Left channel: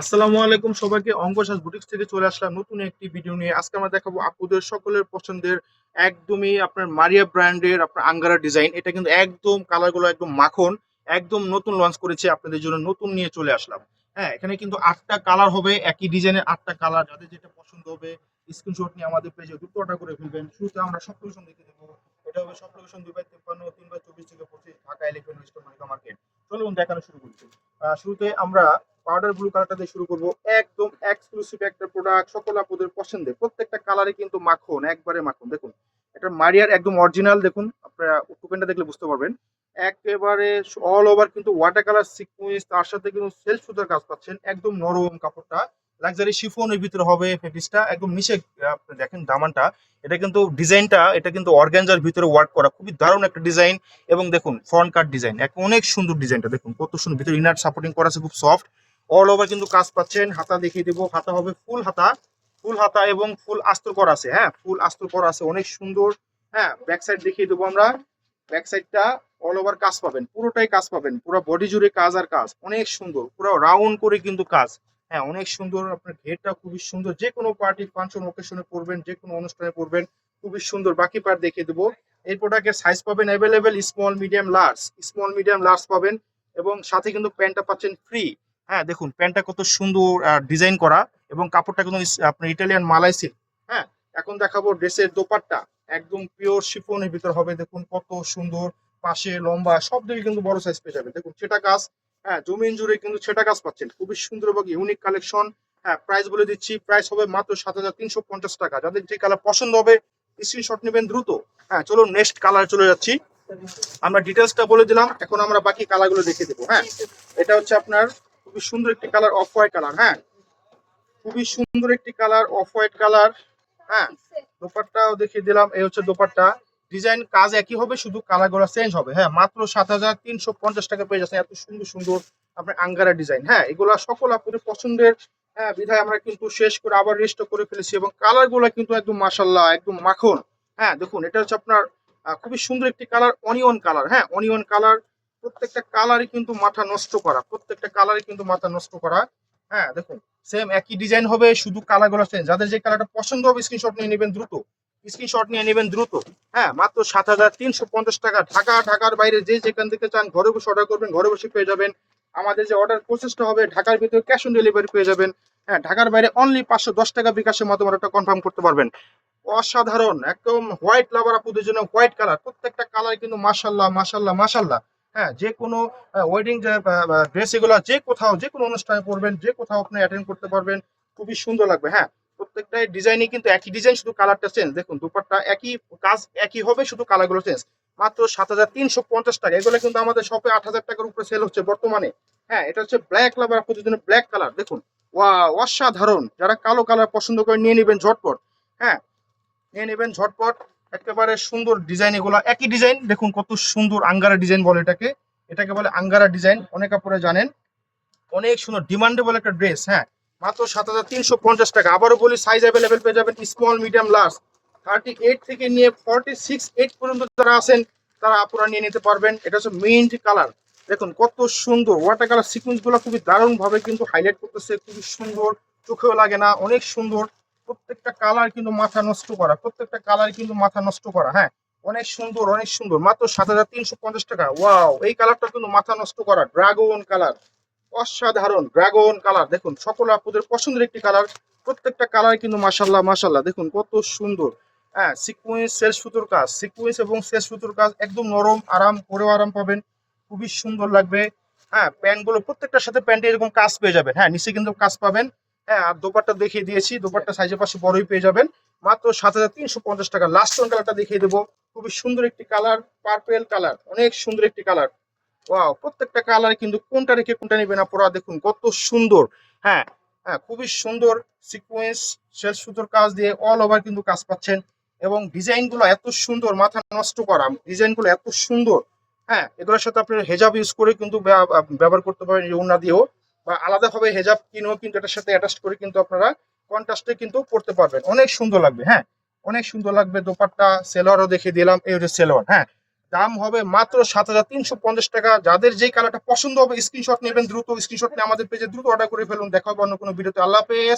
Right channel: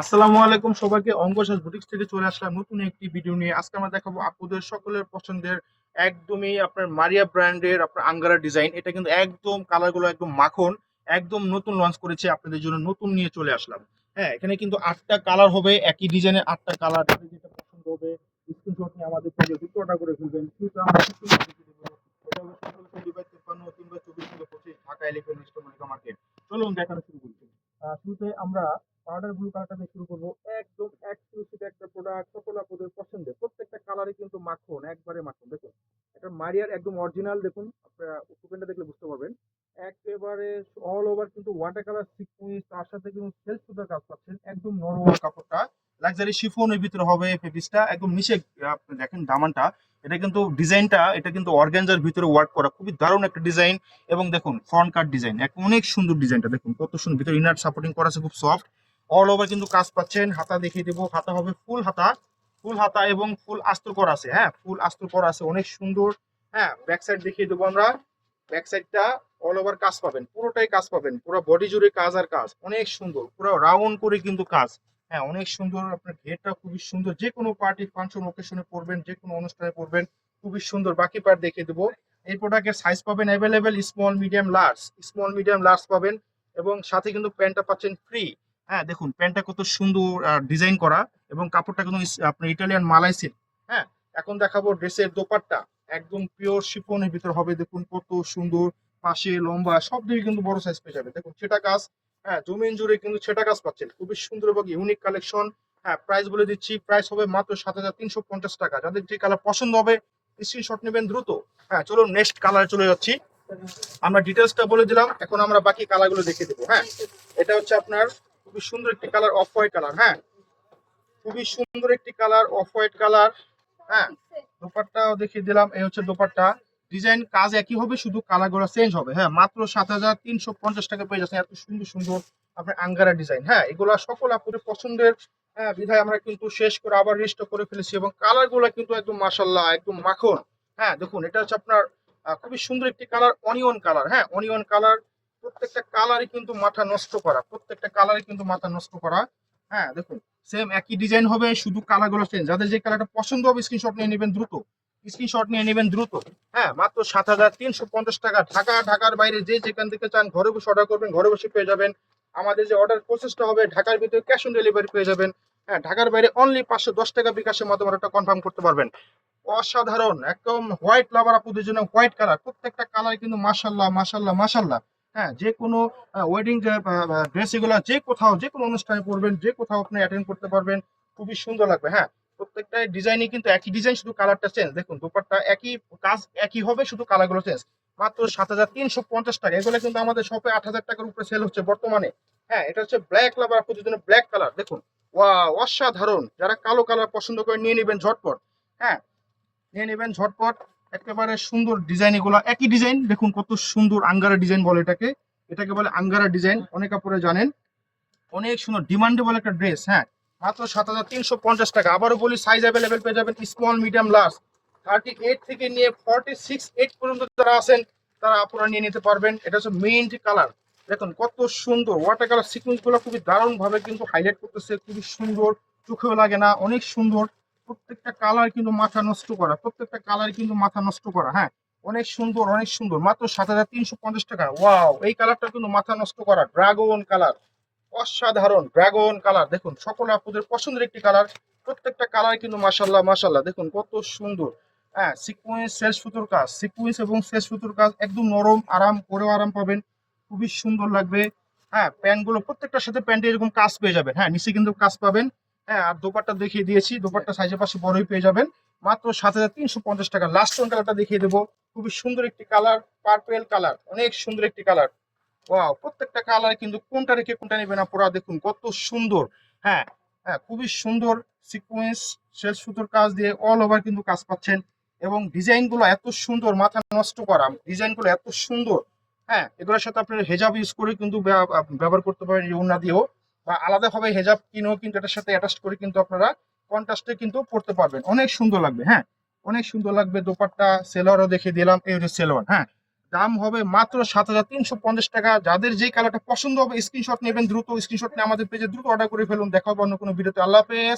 আসসালামু আলাইকুম সবাইকে। অঙ্কসাজ বুটিক্স থেকে চলে আসলাম নতুন একটি ভিডিও নিয়ে। আজকে আমরা দেখাবো আপুদের সকলের পছন্দের একদমই আপনার মারিয়া ব্র্যান্ডের আপনার আঙ্গারা ডিজাইন। এটা কিন্তু একদম কালারগুলো একদম মাখন, একদম নতুন লঞ্চ করেছে, আপনাদের জন্য নতুন নিয়ে চলে আসলাম। হ্যাঁ, এখানে কিন্তু 8টা কালার হবে, একই ডিজাইনের 8টা কালার। যাদের যেটা পছন্দ হবে স্ক্রিনশট নিয়ে আমাদের পেজে দ্রুত অর্ডার করে ফেলবেন। শুরুতে আমরা সবকিছু দেখে দেবো। এটা হবে সব location 2/53, 3/24, 25 Dhaka electronics store Monika market. চলুন দেখানো শুরু করছি। শুরুতে আমরা পাউডার ব্লু কালারটা দিয়ে শুরু করব। একদম এক্সক্লুসিভ একটা প্রোডাক্ট, সকল আপুদের পছন্দের। প্রত্যেকটা কালারে কিন্তু মাখন, একবারে মাখন। দেখুন এটা মারিয়ার একদম অরিজিনাল। দেখুন আপনারা ওপেনটা দেখলে বুঝতে পারবেন। একেবারে অল ওভার কিন্তু ওয়াটার কালার সিকুয়েন্স, তার সাথে কিন্তু সেলফ সুতার কাজ পাচ্ছেন। একদম নরম কাপড়টা, লাক্সারি শিফনের ভিতরে হবে ফেব্রিক্সটা। একদম নিচে আপনি দেখেন দামানটা, এটা কিন্তু ডিজাইনটা, এটা কিন্তু অর্গানজার ভিতরে ওয়ার্ক করা, খুবই দারুণ একটা ডিজাইন। এবং দেখুন ফ্রন্ট কাট ডিজাইন, অনেক সুন্দর ডিজাইনটা। দেখুন কত সুন্দর, ভিতরে ইনার সাপোর্টিং করা আছে, খুব সফট। অল ওভার কিন্তু কাজ পাচ্ছেন। হাতা দেখিয়ে দেবো, হাতা হবে ফুল হাতা, ফুল হাতা এবং ফুল আস্তর করা আছে। হ্যাঁ, ফুল আস্তর করা আছে, অনেক সুন্দর। হ্যাঁ, ব্যাক সাইড দেখিয়ে দেবো আমরা। ব্যাক সাইডটা অল ওভার কাজ পাবেন, পুরোটাই কাজ পাবেন, পুরো বডি জুড়ে কাজ আর কাজ, অনেক সুন্দর, পুরো রাউন্ড করে কিন্তু কাজ। হ্যাঁ, অনেক সুন্দর। আপনার ঘেরটা খুবই সুন্দর, যে কোনো পার্টি ফাংশন ওকেশনে পরবেন, যে কোনো অনুষ্ঠানে পরবেন, খুবই সুন্দর। বাকি পার্ট দেখিয়ে দেবো। এই প্রোডাক্টের সাইজ পাবেন available, small medium large, small medium large পাবেন। এবং সাথে কিন্তু প্যান্টটা পাচ্ছেন ফ্রি। হ্যাঁ, দেখুন প্যান্টটা কত সুন্দর ডিজাইন করা, এবং কাপড়টা কিন্তু আপনার ইটালিয়ান মালাই সিল্ক। হ্যাঁ, এখন দেখাবো ড্রেসের দোপাট্টা। একদম পিওর শিফনের ভিতর হবে, দেখুন কত সুন্দর। পাশে লম্বা সব দিকে কিন্তু বড় সাইজ পেয়ে যাবে। দেখুন সেটা কাজ। হ্যাঁ, জমিন জুড়ে কিন্তু সেটা কাজ পাচ্ছেন, খুবই সুন্দর এবং ইউনিক কালেকশন। হ্যাঁ, প্রাইস বলে দিচ্ছি, প্রাইস হবে মাত্র 7,350 টাকা। যাদের যে কালার পছন্দ হবে স্ক্রিনশট নেবেন দ্রুত। হ্যাঁ, চলুন নেক্সট কালার চলে যাচ্ছি। আমরা ডিটেলসটা বলে দিলাম, এখন আমরা বাকি কালারগুলো দেখে দেবো। হ্যাঁ, এটা হচ্ছে আপনার খুবই সুন্দর একটি কালার, অফ হোয়াইট কালার। হ্যাঁ, খুবই সুন্দর একটি কালার, অফ হোয়াইট কালার। হ্যাঁ, দোপাট্টাও দেখিয়ে দিলাম। এই হচ্ছে দোপাট্টা। ডিজাইন কাজ একই হবে, শুধু কালার গুলো চেঞ্জ হবে। হ্যাঁ, মাত্র 7,350 টাকা পেয়ে যাচ্ছে এত সুন্দর সুন্দর আপনার আঙ্গারা ডিজাইন। হ্যাঁ, এগুলা সকল আপনাদের পছন্দের। হ্যাঁ, বিধায় আমরা কিন্তু শেষ করে আবার রেস্ট করে ফেলেছি, এবং কালার গুলো কিন্তু একদম মাশাল্লাহ, একদম মাখন। হ্যাঁ, দেখুন এটা হচ্ছে আপনার খুবই সুন্দর একটি কালার, অনিয়ন কালার। হ্যাঁ, অনিয়ন কালার। প্রত্যেকটা কালারই কিন্তু মাথা নষ্ট করা, প্রত্যেকটা কালারই কিন্তু মাথা নষ্ট করা। হ্যাঁ, দেখুন সেম একই ডিজাইন হবে, শুধু কালার গুলো চেঞ্জ। যাদের যে কালারটা পছন্দ হবে স্ক্রিনশট নিয়ে নেবেন দ্রুত, স্ক্রিনশট নিয়ে নেবেন দ্রুত। হ্যাঁ, মাত্র 7,350 টাকা। ঢাকার বাইরে যে যেখান থেকে চান ঘরে বসে অর্ডার করবেন, ঘরে বসে পেয়ে যাবেন। আমাদের যে অর্ডার প্রসেসটা হবে, ঢাকার ভিতরে ক্যাশ অন ডেলিভারি পেয়ে যাবেন। হ্যাঁ, ঢাকার বাইরে অনলি 510 টাকা বিকাশের মাধ্যমে অর্ডারটা কনফার্ম করতে পারবেন। অসাধারণ একদম হোয়াইট লাভার আপুদের জন্য হোয়াইট কালার। প্রত্যেকটা কালার কিন্তু মাশাল্লাহ মাশাল্লাহ মাশাল্লাহ। হ্যাঁ, যে কোনো ওয়েডিং ড্রেস, এগুলো যে কোথাও যে কোনো অনুষ্ঠানে পরবেন, যে কোথাও আপনি অ্যাটেন্ড করতে পারবেন, খুবই সুন্দর লাগবে। হ্যাঁ, প্রত্যেকটাই ডিজাইনই কিন্তু একই ডিজাইন, শুধু কালারটা চেঞ্জ। দেখুন দুপাট্টা একই, কাজ একই হবে, শুধু কালারগুলো চেঞ্জ। মাত্র 7,350 টাকা। এগুলো কিন্তু আমাদের শপে 8,000 টাকার উপরে সেল হচ্ছে বর্তমানে। হ্যাঁ, এটা হচ্ছে ব্ল্যাক লাভার আপুদের জন্য ব্ল্যাক কালার। দেখুন অসাধারণ। যারা কালো কালার পছন্দ করে নিয়ে নেবেন ঝটপট। হ্যাঁ, নিয়ে নেবেন ঝটপট। একেবারে সুন্দর ডিজাইন, এগুলো একই ডিজাইন। দেখুন কত সুন্দর আঙ্গারা ডিজাইন বলে এটাকে, এটাকে বলে আঙ্গারা ডিজাইন, অনেক আপনারা জানেন। অনেক সুন্দর ডিমান্ডেবল একটা ড্রেস। হ্যাঁ, মাত্র 7,350 টাকা। আবারও বলি, সাইজ অ্যাভেলেবেল পেয়ে যাবেন স্মল মিডিয়াম লার্জ। 38 থেকে নিয়ে 46 পর্যন্ত যারা আছেন তারা আপনারা নিয়ে নিতে পারবেন। এটা হচ্ছে মিন্ট কালার। দেখুন কত সুন্দর ওয়াটার কালার সিকুয়েন্স গুলো, খুবই দারুণ ভাবে কিন্তু হাইলাইট করতেছে, খুবই সুন্দর, চোখেও লাগে না, অনেক সুন্দর। প্রত্যেকটা কালার কিন্তু মাথা নষ্ট করা, প্রত্যেকটা কালার কিন্তু মাথা নষ্ট করা। হ্যাঁ, অনেক সুন্দর অনেক সুন্দর। মাত্র 7,350 টাকা। ওয়াও, এই কালারটা কিন্তু মাথা নষ্ট করা, ড্রাগন কালার। অসাধারণ ড্রাগন কালার। দেখুন সকল আপনাদের পছন্দের একটি কালার। প্রত্যেকটা কালার কিন্তু মাশাল্লাহ মাশাল্লাহ, দেখুন কত সুন্দর। হ্যাঁ, সিকুয়েন্স সেলস সুতোর কাজ, সিকুয়েন্স এবং সেলস সুতোর কাজ, একদম নরম, আরাম পরেও আরাম পাবেন, খুবই সুন্দর লাগবে। হ্যাঁ, প্যান্ট গুলো প্রত্যেকটার সাথে প্যান্টে এরকম কাজ পেয়ে যাবেন। হ্যাঁ, নিচে কিন্তু কাজ পাবেন। হ্যাঁ, আর দোপাট্টা দেখিয়ে দিয়েছি, দোপাট্টা সাইজের পাশে বড়ই পেয়ে যাবেন। মাত্র 7,350 টাকা। লাস্ট কালারটা দেখিয়ে দেবো, খুবই সুন্দর একটি কালার, পার্পেল কালার, অনেক সুন্দর একটি কালার। ওয়াও, প্রত্যেকটা কালার কিন্তু কোনটা রেখে কোনটা নেবেন আপনারা, দেখুন কত সুন্দর। হ্যাঁ, হ্যাঁ, খুবই সুন্দর। সিকোয়েন্স সেল সুতোর কাজ দিয়ে অল ওভার কিন্তু কাজ পাচ্ছেন, এবং ডিজাইন গুলো এত সুন্দর, মাথা নষ্ট করা ডিজাইন গুলো এত সুন্দর। হ্যাঁ, এগুলোর সাথে আপনারা হেজাব ইউজ করে কিন্তু ব্যবহার করতে পারেন, এই ওড়না দিয়েও, বা আলাদাভাবে হেজাব কিনেও কিন্তু এটার সাথে অ্যাটাচ করে কিন্তু আপনারা কন্ট্রাস্টে কিন্তু পড়তে পারবেন, অনেক সুন্দর লাগবে। হ্যাঁ, অনেক সুন্দর লাগবে। দোপাট্টা সেলোয়ারও দেখে দিলাম, এই হচ্ছে সেলোয়ার। হ্যাঁ, দাম হবে মাত্র 7,350 টাকা। যাদের যে কালারটা পছন্দ হবে স্ক্রিনশট নেবেন, দ্রুত স্ক্রিনশট নিয়ে আমাদের পেজে দ্রুত অর্ডার করে ফেলুন। দেখা হবে অন্য কোনো ভিডিওতে। আল্লাহ হাফেজ।